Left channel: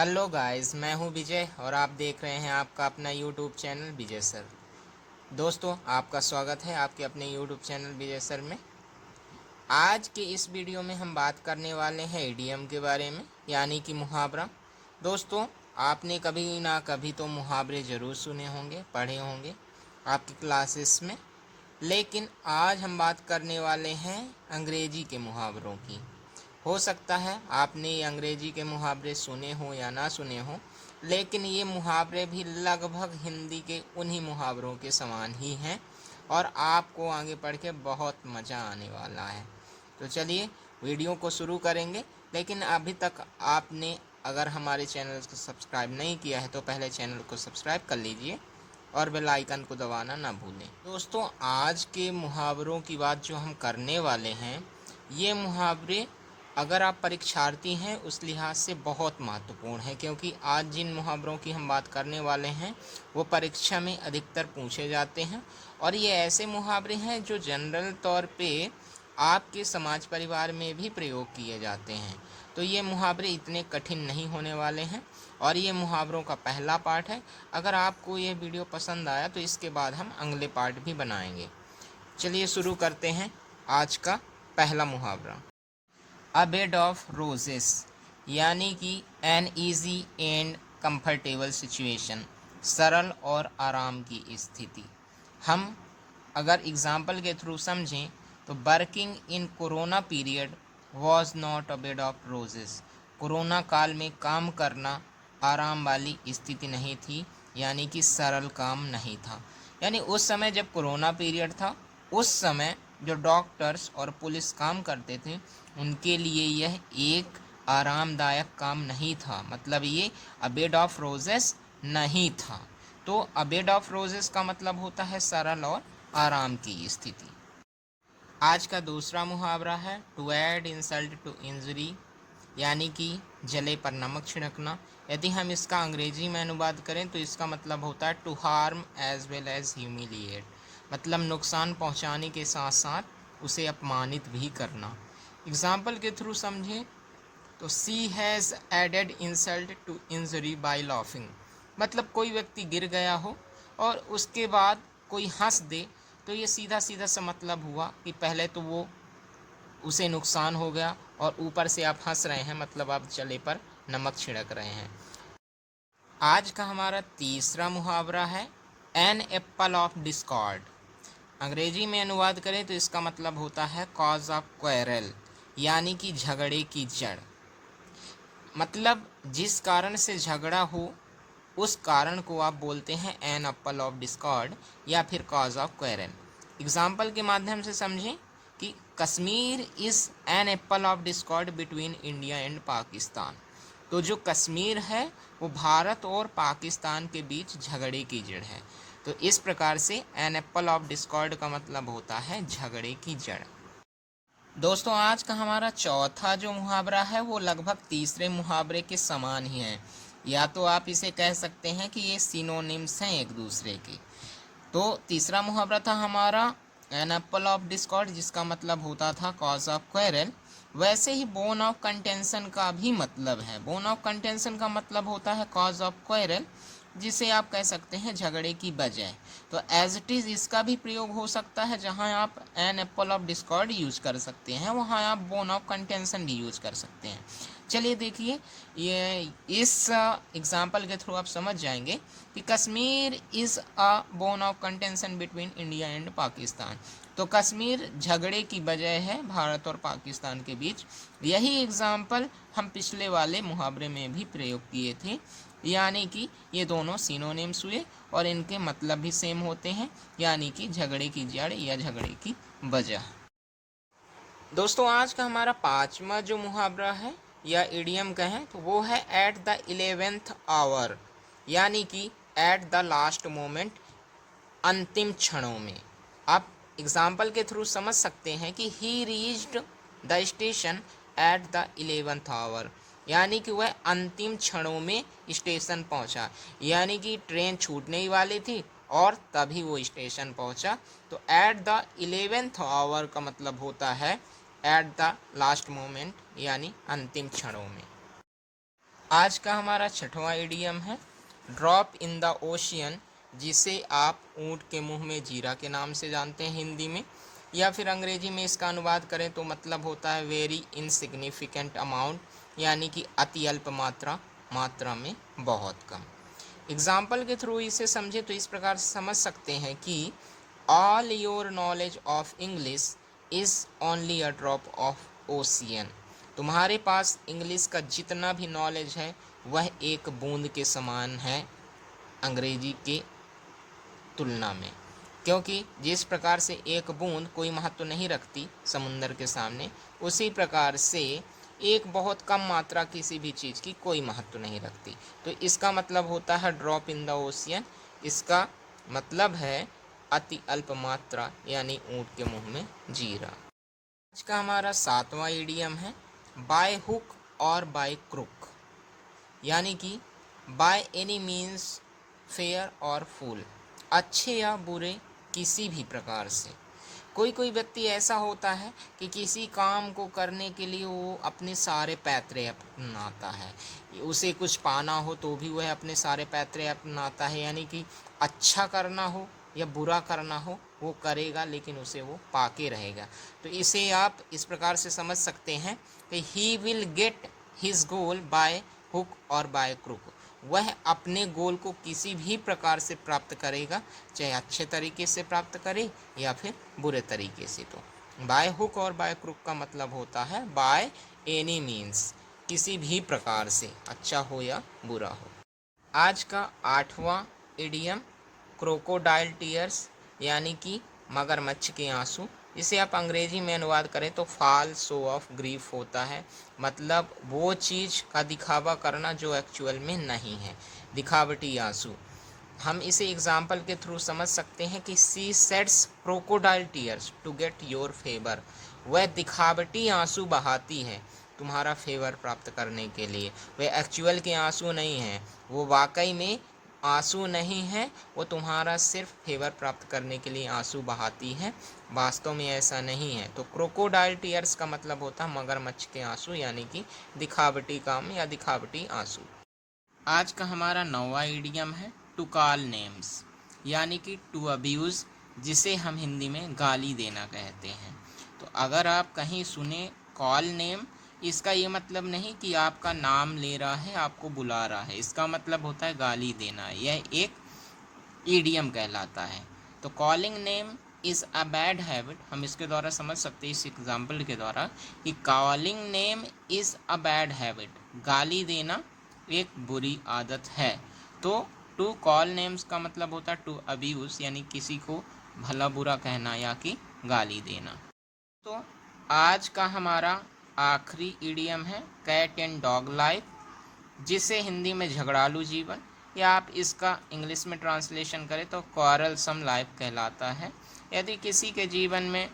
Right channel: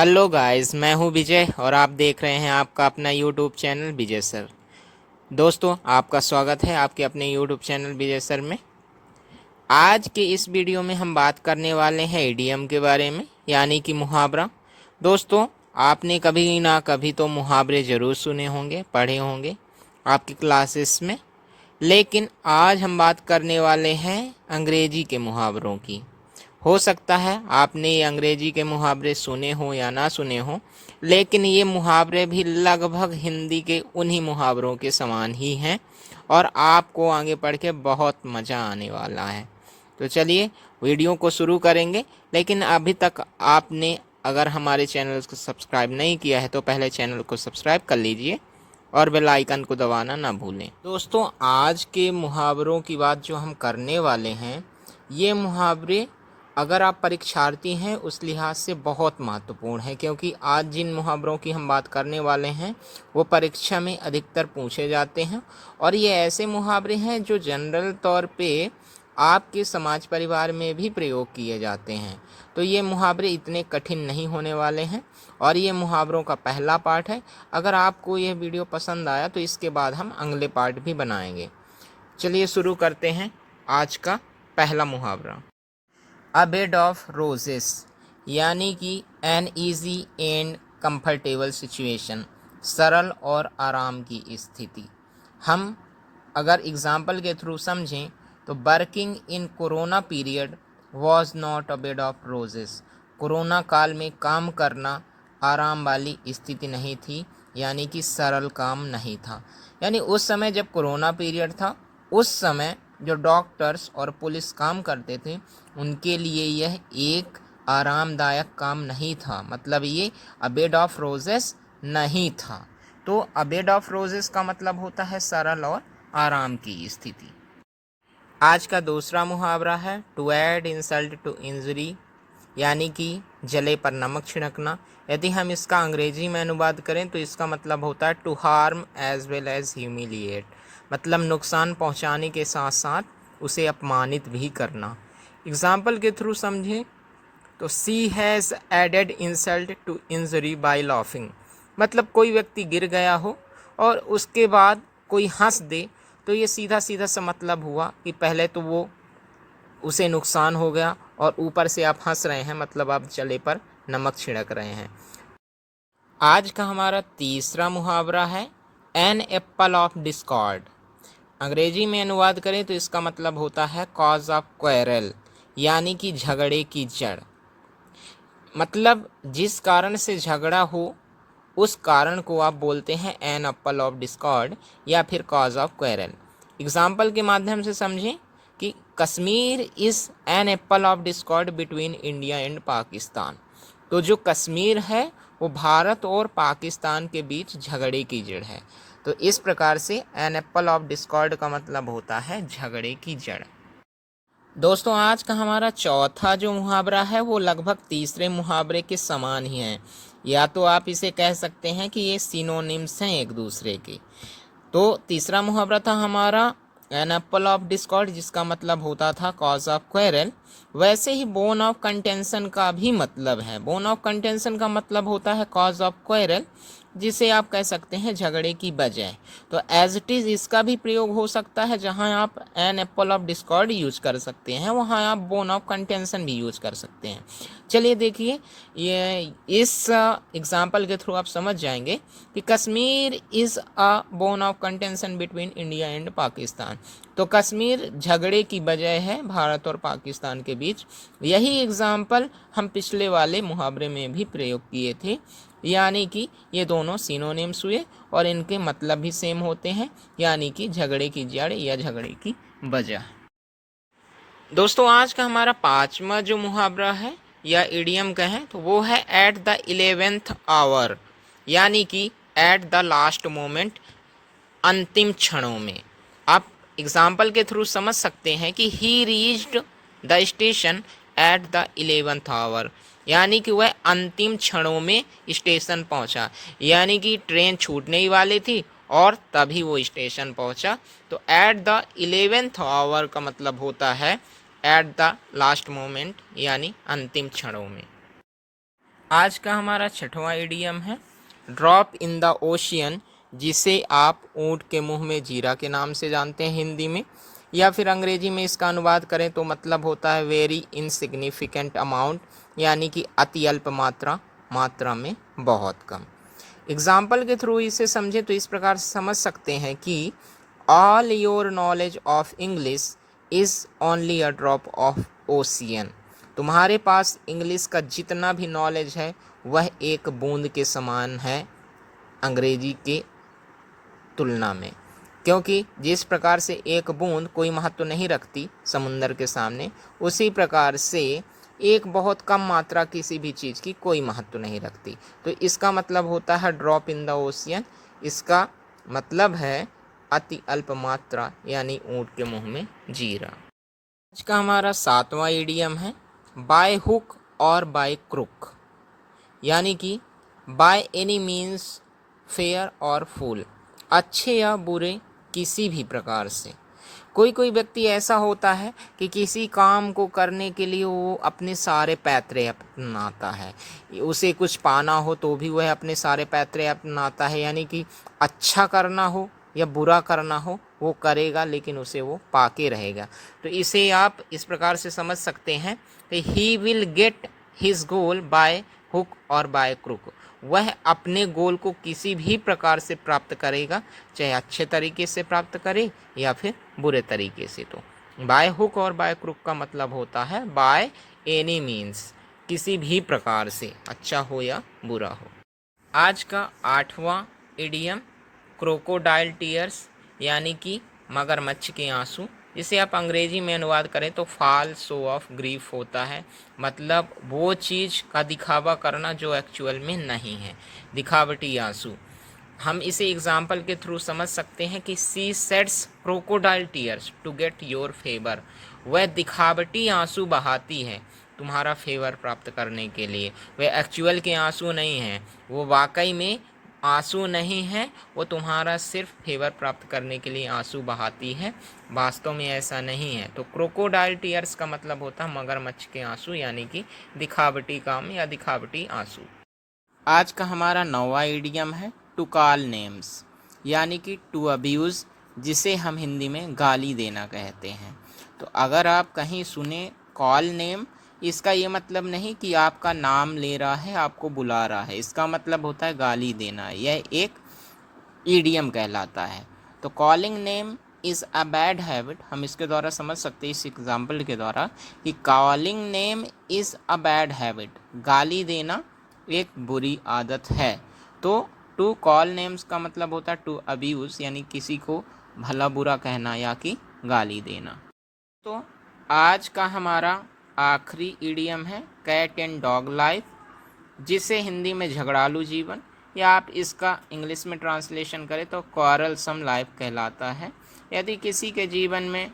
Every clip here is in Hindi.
हेलो गाइस, मैं हूं विजय और आप देख रहे हैं आपका अपना यूट्यूब चैनल विजय सर। दोस्तों, आपका स्वागत है आपके अपने यूट्यूब चैनल विजय सर में। आज के इस वीडियो में हम बात करने वाले हैं इडियम के बारे में, यानी कि मुहावरा। दोस्तों, आपने कभी ना कभी तो मुहावरे ज़रूर सुने होंगे, पढ़े होंगे आपकी क्लासेस में। लेकिन आज हम बात करने वाले हैं अंग्रेजी के मुहावरों की। हो सकता है आपने ये अंग्रेजी के मुहावरे सुने हो या ना सुने हो, लेकिन ये मुहावरे भी लगभग हिंदी के उन्हीं मुहावरों के समान ही हैं और आपको आगे पढ़ के बहुत मज़ा आने वाला है। तो चलिए वीडियो को शुरू करेंगे। लेकिन अभी तक आपने अगर हमारे चैनल को सब्सक्राइब नहीं किया है तो पहले चैनल को सब्सक्राइब कर लीजिए और बेल आइकन को दबाना ना भूलें। दोस्तों, आज के मुहावरों की बात जो हम करने वाले हैं, ये मुहावरे अगर आप परीक्षार्थी हैं उस लिहाज से बहुत महत्वपूर्ण है, क्योंकि आज जिन मुहावरों की हम बात करने वाले हैं वो परीक्षा में अधिकतर पूछे जाते हैं। और ये ऐसे मुहावरे हैं जो जनरल तौर पे आपके समाज परिवार में भी प्रयोग किए जाते हैं। तो ये मुहावरे इतने कठिन नहीं होने वाले हैं और ये मुहावरों का पहला पार्ट है। अगर आपको यह वीडियो पसंद आया तो इसके बाद हम अगले पार्ट भी बनाएंगे। चलिए शुरू करते हैं आज का पहला मुहावरा। अ बेड ऑफ रोजेस, यानी कि an easy and comfortable situation, सरल और आराम की स्थिति। हम अगर एग्जाम्पल के थ्रू समझें तो working in corona period was not a bed of roses. Corona काल में काम करना आराम वाली स्थिति नहीं थी, यानी कि सरल काम नहीं था। यानी उस समय जब कोरोना पीरियड था, उस समय जो डॉक्टर्स और पुलिस काम करते थे उनके लिए यह एक आरामदायक काम नहीं था। मतलब ये अ बेड ऑफ रोजेस नहीं था। तो अ बेड ऑफ रोजेस का मतलब होता है सरल और आराम की स्थिति। आज का दूसरा मुहावरा है to add insult to injury, यानी कि जले पर नमक छिड़कना। यदि हम इसका अंग्रेजी में अनुवाद करें तो इसका मतलब होता है to harm as well as humiliate. मतलब नुकसान पहुंचाने के साथ साथ उसे अपमानित भी करना। एग्जाम्पल के थ्रू समझें तो she has added insult to injury by laughing. मतलब कोई व्यक्ति गिर गया हो और उसके बाद कोई हंस दे, तो ये सीधा सीधा सा मतलब हुआ कि पहले तो वो उसे नुकसान हो गया और ऊपर से आप हंस रहे हैं, मतलब आप जले पर नमक छिड़क रहे हैं। आज का हमारा तीसरा मुहावरा है एन एप्पल ऑफ डिस्कॉर्ड। अंग्रेजी में अनुवाद करें तो इसका मतलब होता है कॉज ऑफ क्वेरल, यानी कि झगड़े की जड़। मतलब जिस कारण से झगड़ा हो उस कारण को आप बोलते हैं एन एप्पल ऑफ डिस्कॉर्ड या फिर कॉज ऑफ क्वेरल। एग्जाम्पल के माध्यम से समझें कि Kashmir is an apple of Discord between India and Pakistan. तो जो कश्मीर है वो भारत और पाकिस्तान के बीच झगड़े की जड़ है। तो इस प्रकार से एन एप्पल ऑफ डिस्कॉर्ड का मतलब होता है झगड़े की जड़। दोस्तों, आज का हमारा चौथा जो मुहावरा है वो लगभग तीसरे मुहावरे के समान ही है, या तो आप इसे कह सकते हैं कि ये सिनोनिम्स हैं एक दूसरे के। तो तीसरा मुहावरा था हमारा एन एप्पल ऑफ डिस्कॉर्ड, जिसका मतलब होता था कॉज ऑफ क्वेरल। वैसे ही बोन ऑफ कंटेंशन का भी मतलब है। बोन ऑफ कंटेंशन का मतलब होता है कॉज ऑफ क्वेरल, जिसे आप कह सकते हैं झगड़े की वजह। तो एज इट इज़ इसका भी प्रयोग हो सकता है। जहां आप an apple of discord use कर सकते हैं वहां आप बोन ऑफ कंटेंशन भी यूज कर सकते हैं। चलिए देखिए, ये इस एग्जाम्पल के थ्रू आप समझ जाएंगे कि Kashmir is a bone of contention between India and Pakistan. तो कश्मीर झगड़े की वजह है भारत और पाकिस्तान के बीच। यही एग्जाम्पल हम पिछले वाले मुहावरे में भी प्रयोग किए थे, यानी कि ये दोनों सिनोनिम्स हुए और इनके मतलब भी सेम होते हैं, यानी कि झगड़े की जड़ या झगड़े की वजह। दोस्तों, आज का हमारा पांचवा जो मुहावरा है या इडियम कहें तो वो है एट द 11th आवर, यानी कि एट द लास्ट मोमेंट, अंतिम क्षणों में। आप एग्जाम्पल के थ्रू समझ सकते हैं कि he reached the station at the 11th hour, यानी कि वह अंतिम क्षणों में स्टेशन पहुंचा। यानी कि ट्रेन छूटने ही वाली थी और तभी वो स्टेशन पहुंचा। तो एट द 11th आवर का मतलब होता है एट द लास्ट मोमेंट, यानी अंतिम क्षणों में। आज का हमारा छठवां इडियम है ड्रॉप इन द ओशियन, जिसे आप ऊँट के मुंह में जीरा के नाम से जानते हैं हिंदी में, या फिर अंग्रेजी में इसका अनुवाद करें तो मतलब होता है वेरी इनसिग्निफिकेंट अमाउंट, यानी कि अति अल्प मात्रा में बहुत कम। एग्जाम्पल के थ्रू इसे समझे तो इस प्रकार से समझ सकते हैं कि all your knowledge of English is only a drop of ocean. तुम्हारे पास इंग्लिश का जितना भी नॉलेज है वह एक बूंद के समान है अंग्रेजी के तुलना में, क्योंकि जिस प्रकार से एक बूंद कोई महत्व नहीं रखती समुंदर के सामने, उसी प्रकार से एक बहुत कम मात्रा किसी भी चीज़ की कोई महत्व नहीं रखती। तो इसका मतलब होता है ड्रॉप इन द ओशियन, इसका मतलब है अति अल्प मात्रा, यानी ऊँट के मुंह में जीरा। आज का हमारा सातवां इडियम है बाय हुक और बाय क्रुक, यानी कि बाय एनी मीन्स फेयर और फूल, अच्छे या बुरे किसी भी प्रकार से। कोई व्यक्ति ऐसा होता है कि किसी काम को करने के लिए वो अपने सारे पैतरे अपनाता है, उसे कुछ पाना हो तो भी वह अपने सारे पैतरे अपनाता है, यानी कि अच्छा करना हो या बुरा करना हो वो करेगा, लेकिन उसे वो पाके रहेगा। तो इसे आप इस प्रकार से समझ सकते हैं कि he will get his goal by hook और बाय क्रुक, वह अपने गोल को किसी भी प्रकार से प्राप्त करेगा, चाहे अच्छे तरीके से प्राप्त करे या फिर बुरे तरीके से। तो बाय हुक और बाय क्रुक का मतलब होता है बाय एनी मीन्स, किसी भी प्रकार से, अच्छा हो या बुरा हो। आज का आठवां इडियम क्रोकोडाइल टीयर्स, यानी कि मगरमच्छ के आंसू, जिसे आप अंग्रेजी में अनुवाद करें तो फॉल शो ऑफ ग्रीफ होता है, मतलब वो चीज़ का दिखावा करना जो एक्चुअल में नहीं है, दिखावटी आंसू। हम इसे एग्जाम्पल के थ्रू समझ सकते हैं कि she sets crocodile tears to get your favour, वह दिखावटी आंसू बहाती है तुम्हारा फेवर प्राप्त करने के लिए, वह एक्चुअल के आंसू नहीं हैं, वो वाकई में आंसू नहीं है, वो तुम्हारा सिर्फ फेवर प्राप्त करने के लिए आंसू बहाती है, वास्तव में ऐसा नहीं है। तो क्रोकोडाइल टीयर्स का मतलब होता है मगरमच्छ के आंसू, यानी कि दिखावटी काम या दिखावटी आंसू। आज का हमारा नौवां इडियम है टू कॉल नेम्स, यानी कि टू अब्यूज़, जिसे हम हिंदी में गाली देना कहते हैं। तो अगर आप कहीं सुने कॉल नेम, इसका ये मतलब नहीं कि आपका नाम ले रहा है, आपको बुला रहा है, इसका मतलब होता है गाली देना, यह एक ईडियम कहलाता है। तो calling name is a bad habit, हम इसके द्वारा समझ सकते हैं इस एग्जाम्पल के द्वारा कि calling name is a bad habit, गाली देना एक बुरी आदत है। तो टू कॉल नेम्स का मतलब होता है टू अब्यूज़, यानी किसी को भला बुरा कहना या कि गाली देना। तो आज का हमारा आखिरी इडियम है कैट एंड डॉग लाइफ, जिसे हिंदी में झगड़ालू जीवन, या आप इसका इंग्लिश में ट्रांसलेशन करें तो क्वारलसम लाइफ कहलाता है। यदि किसी के जीवन में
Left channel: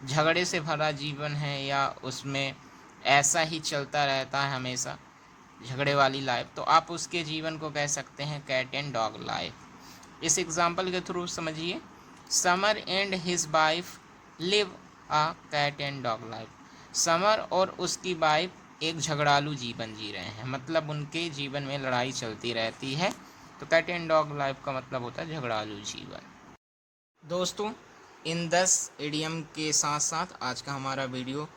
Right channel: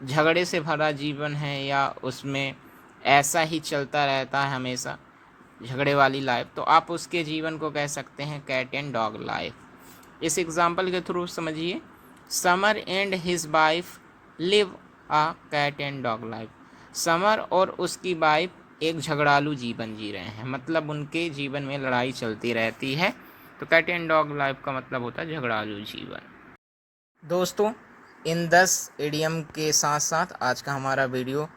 झगड़े से भरा जीवन है या उसमें ऐसा ही चलता रहता है हमेशा झगड़े वाली लाइफ, तो आप उसके जीवन को कह सकते हैं कैट एंड डॉग लाइफ। इस एग्जाम्पल के थ्रू समझिए, Samar and his wife live a cat and dog life, Samar और उसकी वाइफ एक झगड़ालू जीवन जी रहे हैं, मतलब उनके जीवन में लड़ाई चलती रहती है। तो कैट एंड डॉग लाइफ का मतलब होता है झगड़ालू जीवन। दोस्तों, इन 10 इडियम के साथ साथ आज का हमारा वीडियो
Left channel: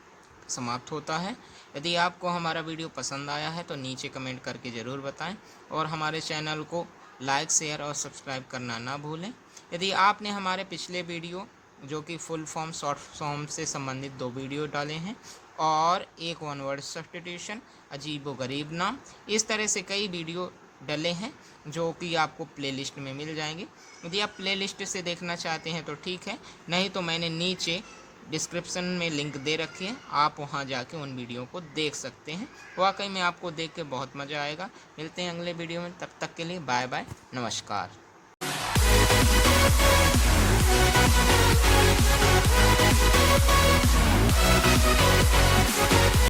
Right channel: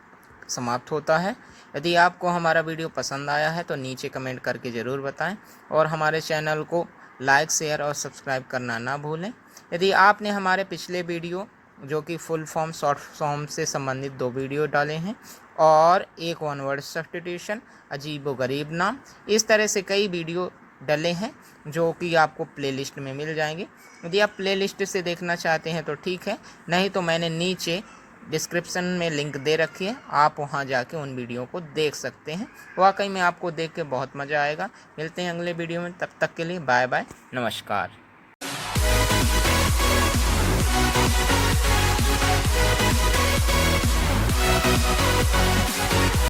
समाप्त होता है। यदि आपको हमारा वीडियो पसंद आया है तो नीचे कमेंट करके ज़रूर बताएं, और हमारे चैनल को लाइक, शेयर और सब्सक्राइब करना ना भूलें। यदि आपने हमारे पिछले वीडियो जो कि फुल फॉर्म, शॉर्ट फॉर्म से संबंधित 2 वीडियो डाले हैं और एक वन वर्ड सब्स्टिट्यूशन, अजीब व गरीब नाम, इस तरह से कई वीडियो डले हैं जो कि आपको प्लेलिस्ट में मिल जाएंगे। यदि आप प्लेलिस्ट से देखना चाहते हैं तो ठीक है, नहीं तो मैंने नीचे डिस्क्रिप्शन में लिंक दे रखी है, आप वहां जाके उन वीडियो को देख सकते हैं। वाकई में आपको देख के बहुत मज़ा आएगा। मिलते हैं अगले वीडियो में, तब तक के लिए बाय बाय, नमस्कार।